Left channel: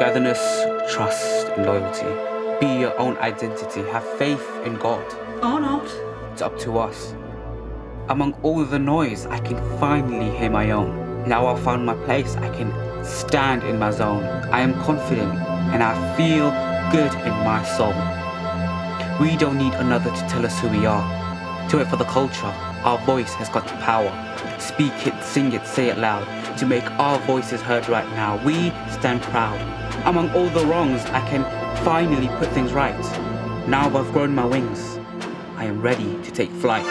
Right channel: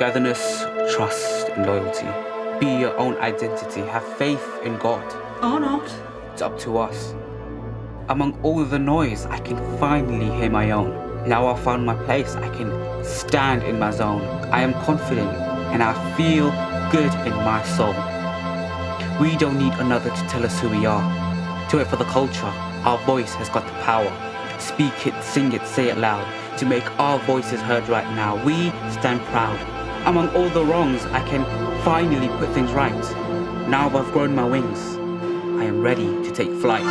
Togetherness, trust, and loyalty. Be your own identity. Have faith in God. Or not. It's up to us. Among all the noise, I can finally hear my own. Now I've found my place, I can stand in my zone. I am confident and I feel good in my soul. We don't need another to tell us who we are. Do it for the culture. Our voice has got the power. Speak it, sing it, say it loud. To make our voices heard right now. We stand proud. Among all the wrongs, I can finally put things right. Now I've grown my wings. I am ready to take flight.